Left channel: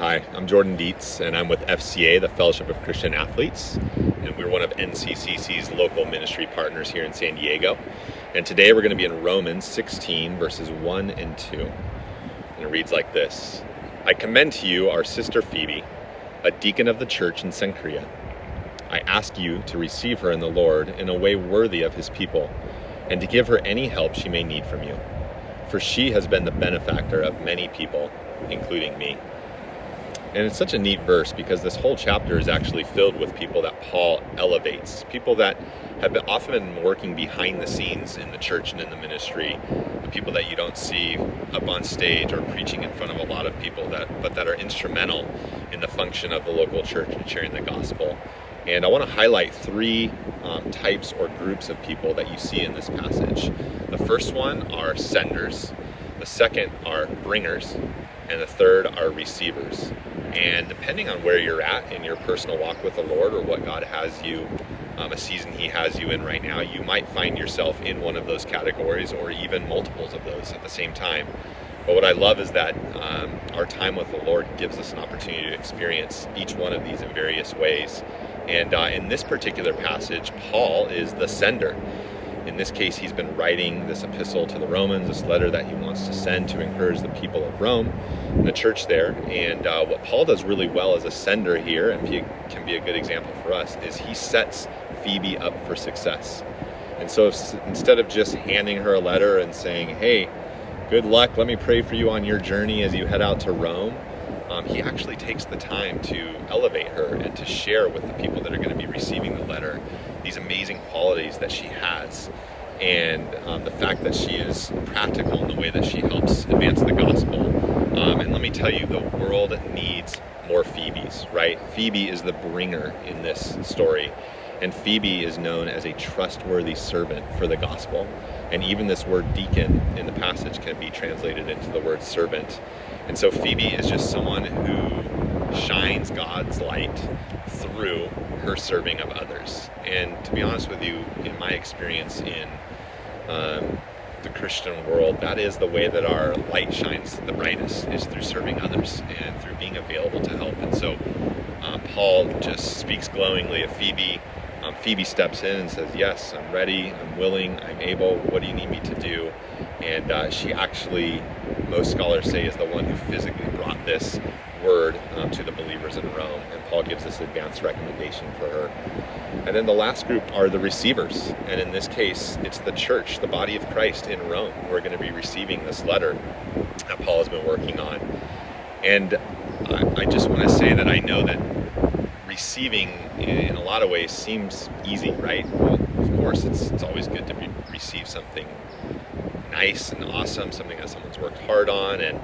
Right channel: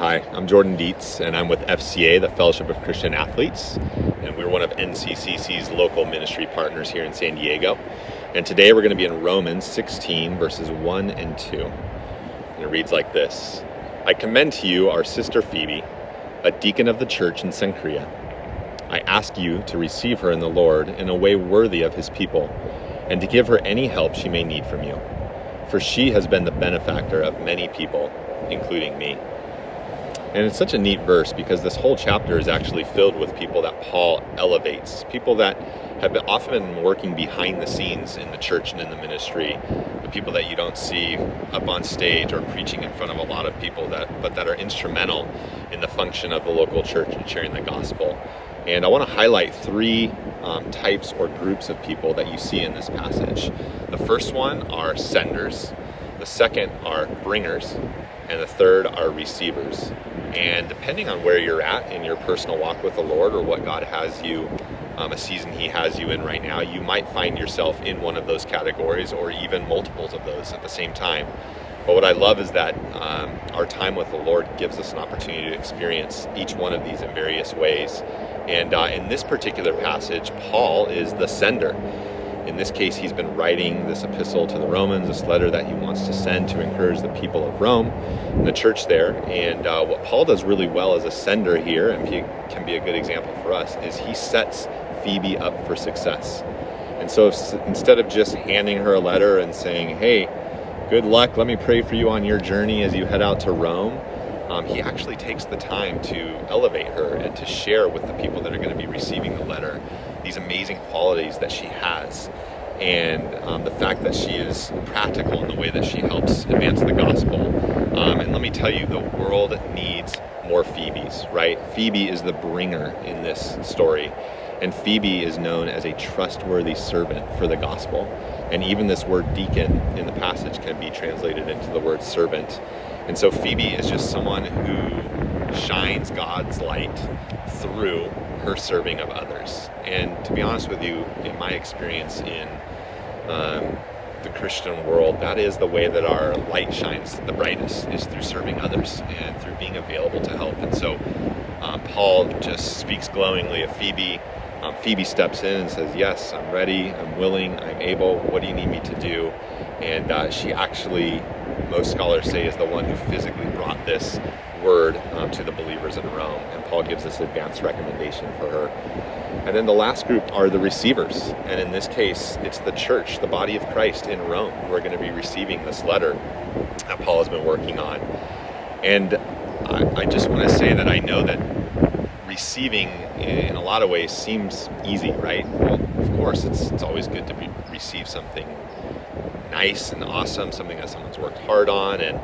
Hi, I'm Jordan Dietz, and I'm with FCA, the Fellowship of Christian Athletes, and we're one of NCCC's local ministry partners here in San Diego. And today we're going to be in Romans 16, verses 1 and 2. And it reads like this: I commend to you our sister Phoebe, a deacon of the church in Cenchrea. I ask you to receive her in the Lord in a way worthy of his people, and to give her any help she may need from you. For she has been the benefactor of many people, including me. And it's such a neat verse because this whole chapter is actually filled with people that Paul elevates, people that have often been working behind the scenes in the church and in the ministry, the people that you don't see up on stage or preaching in front of a lot of people, but that are instrumental in the function of the local church and sharing the gospel. And I want to highlight three types or groups of people that you see in this passage. The first one are senders, the second are bringers, and the third are receivers. And depending on where you're at in your personal walk with the Lord, or what God has you, a season he has you in right now, you might find yourself in one of those categories or even multiples of those at the same time. But what I love is that our time with the Lord gives us an opportunity to experience each one of these in various ways. And in this particular passage, Paul is the sender. In this case, he's been writing this epistle to the Romans, this letter that he wants to send to encourage the people of Rome, the church there. And what Paul does really well as a sender here, and he can be a good example for us, is he sets Phoebe up for success. And so instead of just handing her a letter and saying, hey, good luck, let me pray for you on your journey as you head out to Rome, he actually takes the time to elevate her and to share with the people that are going to be receiving the letter these amazing qualities that she has, and the fact that she is practical in the way that she helps advance the gospel. And let me tell you, the world needs more Phoebes, right? Phoebe is the bringer in this story, and Phoebe is known as a trustworthy servant for the gospel. And even this word deacon in the passage can be translated into the word servant. And so Phoebe is just someone who shines God's light through her serving of others. And to be honest with you, in my experience in the Christian world, that is the way that our light shines the brightest, is through serving others and through being available to help. And so Paul just speaks glowingly of Phoebe. Phoebe steps in and says, yes, I'm ready, I'm willing, I'm able, what do you need me to do? And she actually, most scholars say, is the one who physically brought this word to the believers in Rome. And Paul gives this advanced recommendation for her. And then the last group are the receivers. And in this case, it's the church, the body of Christ in Rome, who are going to be receiving this letter that Paul has been working on. And I just want to say that I know that receiving in a lot of ways seems easy, right? Well, of course, it's always good to receive something nice and awesome, something that someone's worked hard on. And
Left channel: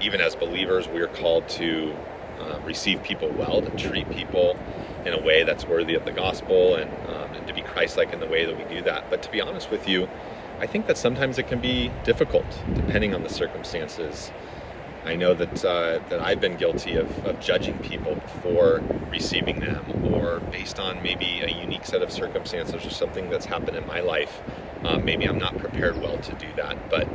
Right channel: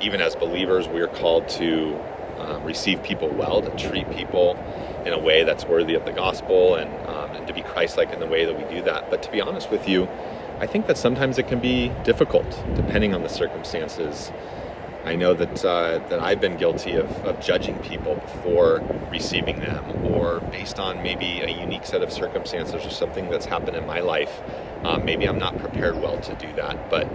even as believers, we're called to receive people well, to treat people in a way that's worthy of the gospel, and to be Christ-like in the way that we do that. But to be honest with you, I think that sometimes it can be difficult depending on the circumstances. I know that I've been guilty of judging people before receiving them, or based on maybe a unique set of circumstances or something that's happened in my life. Maybe I'm not prepared well to do that, but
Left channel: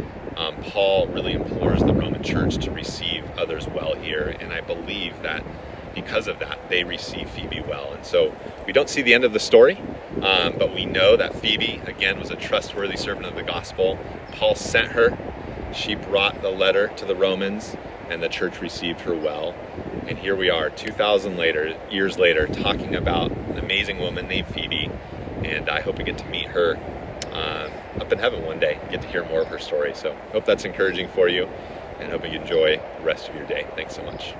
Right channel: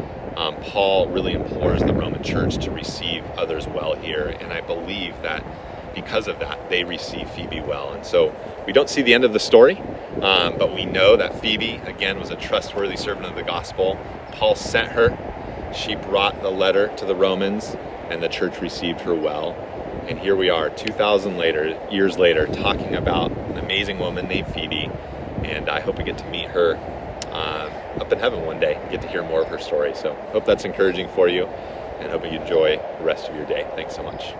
Paul really implores the Roman church to receive others well here, and I believe that because of that, they receive Phoebe well. And so we don't see the end of the story, but we know that Phoebe, again, was a trustworthy servant of the gospel. Paul sent her. She brought the letter to the Romans, and the church received her well. And here we are, 2,000 years later, talking about an amazing woman named Phoebe. And I hope we get to meet her up in heaven one day, get to hear more of her story. So hope that's encouraging for you, and hope you enjoy the rest of your day. Thanks so much.